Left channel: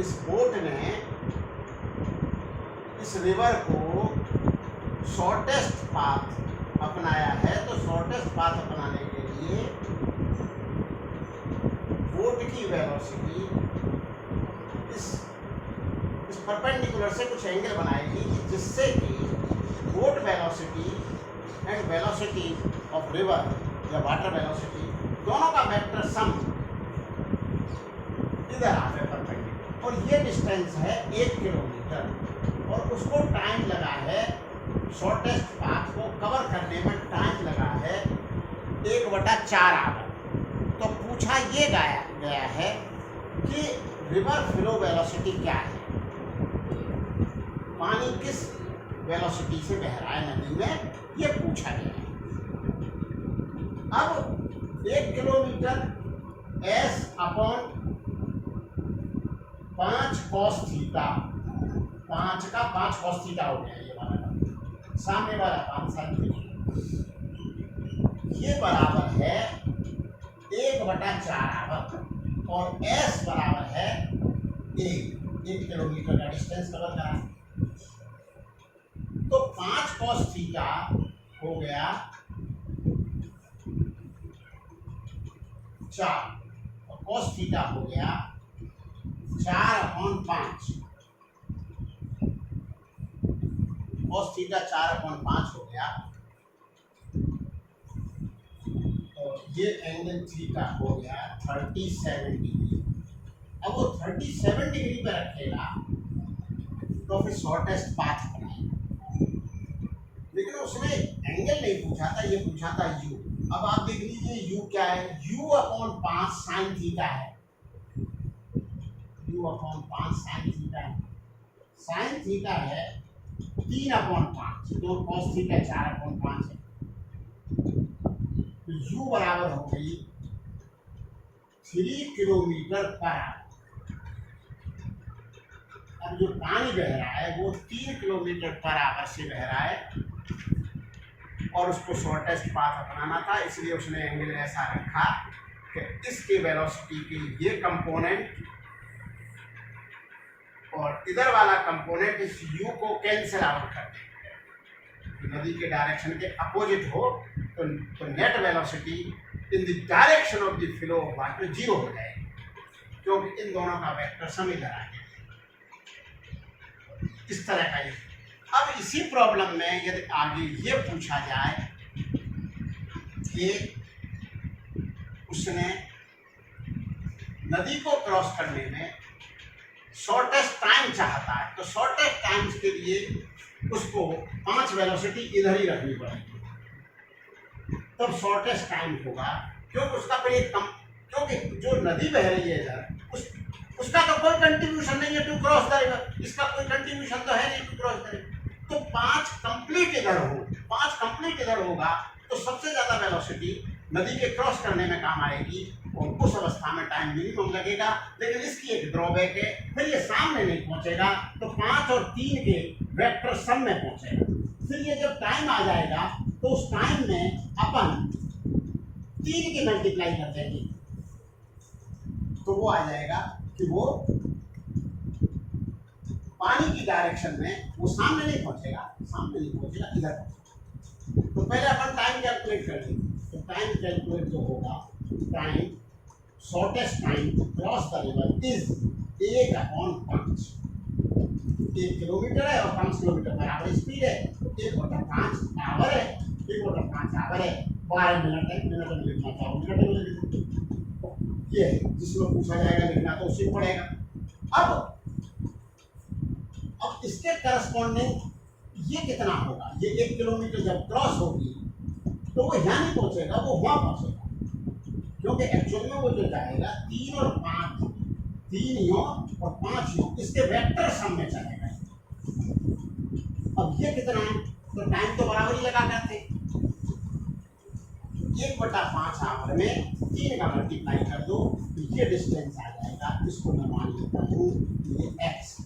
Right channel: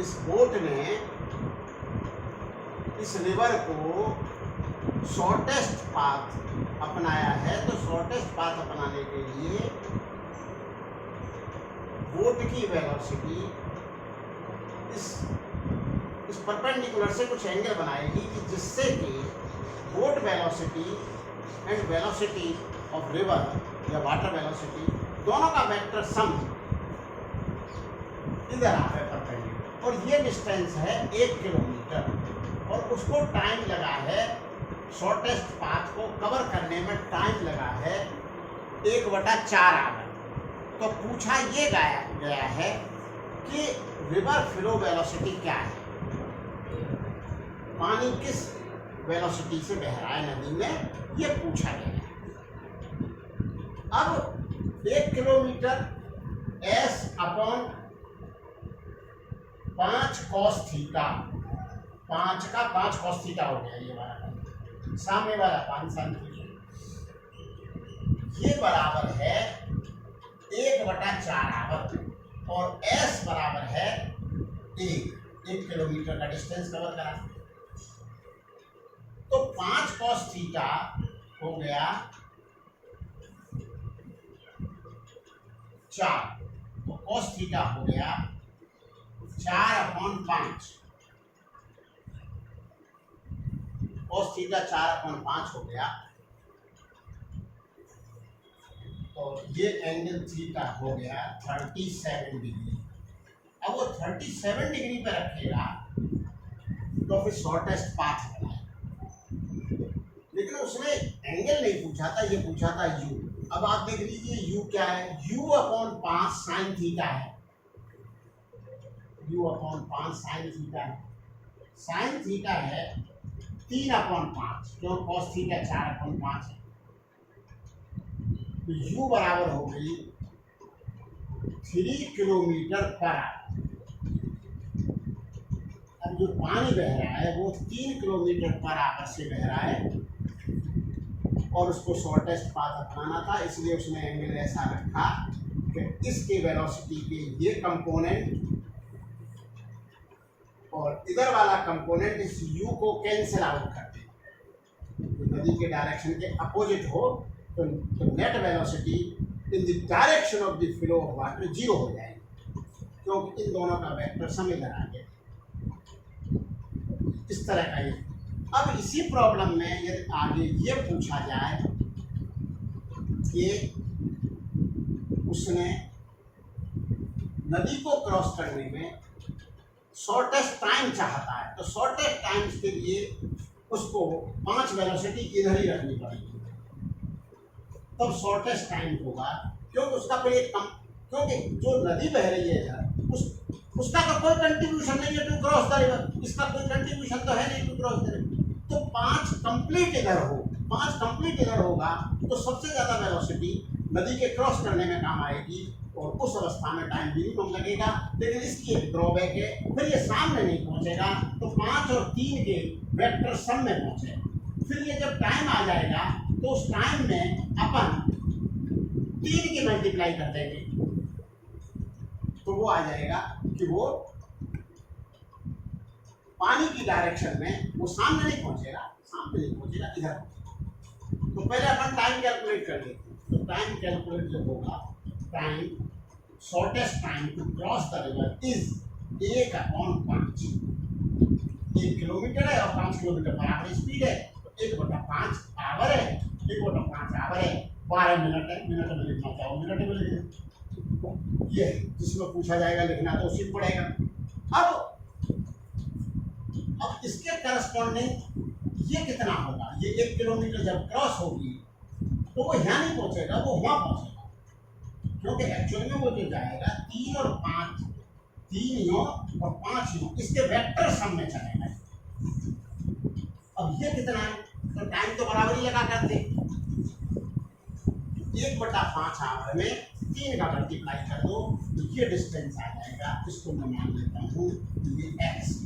इस बोट ने इस रिवर को शॉर्टेस्ट पाथ अपनाया है, तो शॉर्टेस्ट पाथ अपनाने के लिए बोट की वेलोसिटी इस परपेंडिकुलर से कुछ एंगल बनाएगी जिससे कि boat velocity and velocity of river या वाटर वेलोसिटी दोनों का वेक्टर सम इधर आता है परपेंडिकुलर, और ये डिस्टेंस है 1 किलोमीटर, और उसको टाइम लगा है शॉर्टेस्ट पाथ को कवर करने में टाइम लगा है 1/4 आवर। तो पूछा ये गया है कि रिवर फ्लो वेलोसिटी क्या है, पानी किस वेलोसिटी से बह रहा है नदी में, ये पूछा गया है। अब 1 किलोमीटर S/5 cos थीटा, 5 का 5 cos थीटा हो गया, ये वाला सामने वाला 5 sin थीटा, ये बराबर है 1/4 आवर, और S बराबर है 1 किलोमीटर का डिस्टेंस कवर करा। तो 5 cos थीटा हो गया 4, तो cos थीटा हो गया 4/5, cos थीटा 4/5 हो गया, तो ये एंगल थीटा हो गया 37 डिग्री। अब वो 37 डिग्री पे रखेगा तो फिर शॉर्टेस्ट पाथ बनाएगा, लेकिन उसने एंगल नहीं पूछा था, ये पूछा था u। अब आप देख लीजिए u क्या है, u/5 sin थीटा है, u/5 sin थीटा है, sin थीटा है 3/5, क्यों cos थीटा 4/5 है, तो u बराबर हो गई 3 किलोमीटर पर आवर। अब जो पानी बह रहा है वो 3 किलोमीटर पर आवर से बह रहा है, और उसको शॉर्टेस्ट पाथ अपनाना था, इसलिए उसने एंगल ऐसा रखा कि इसके वेलोसिटी के ये कंपोनेंट और इधर वाला कंपोनेंट इस u को कैंसिल आउट कर दे, नदी के डायरेक्शन के अपोजिट हो तो net velocity in the direction of the flow of water 0 हो जाएगी, क्योंकि इन दोनों का वेक्टर सम इधर आ गया। इस तरह का ये। अब इसी प्रॉब्लम में यदि आगे ये पूछा जाए कि उसने नदी को क्रॉस करने में शॉर्टेस्ट टाइम चाहता है, तो शॉर्टेस्ट टाइम के लिए उसको 5 वेलोसिटी इधर ही रखनी पड़ेगी, तब शॉर्टेस्ट टाइम होगा, क्योंकि उसका कोई क्योंकि जो नदी बह रही है इधर उसका तो कोई कंट्रीब्यूशन नहीं है टू क्रॉस द रिवर, इसका कोई कंट्रीब्यूशन तो है नहीं टू क्रॉस द रिवर। तो 5 कंप्लीट इधर हो, 5 कंप्लीट इधर होगा तो सबसे ज़्यादा वेलोसिटी नदी के क्रॉस करने में काम आएगी, और उस अवस्था में टाइम मिनिमम लगेगा। लेकिन इसकी एक ड्रॉबैक है, फिर ये सामने नहीं पहुंचेगा, तो 5 और 3 के वेक्टर सम में पहुंचेगा। फिर ये जब टाइम आ जाएगा तो उस टाइम में अपन 3 की मल्टीप्लाई कर देंगे, तो वो आ जाएगा कि वो पानी की डायरेक्शन में वो सामने नहीं पहुंचेगा, इधर पहुंचेगा। तो पहले अपन टाइम कैलकुलेट कर लेंगे, तो टाइम कैलकुलेट जो होगा, time shortest time to cross the river is 1/5। 1 kilometre है और 5 किलोमीटर पर आवर स्पीड है, तो 1/5 आवर है, 1/5 आवर है, 12 मिनट है, मिनट में लिखना चाहो मिनट में लिख, ये जिसमें पूछा जाएगा लिखना तो उसी पड़ेगा। अब इसके करस्पॉन्डिंग ये कितना होगा, ये 1 किलोमीटर जब क्रॉस होगी तो वो यहाँ नहीं पहुंचेगा, वो वहां पहुंचेगा, क्योंकि एक्चुअल में वो जो जाएगा 3 और 5, 3 यूं और 5 यूं, इसके वेक्टर सम में चलेगा। अब ये कितना है, तो टाइम तो बराबर ही लगा करते, 1/5 आवर में 3 का मल्टीप्लाई कर दो, तो ये डिस्टेंस आ जाएगा, इसको मैं मान लेता हूँ ये x।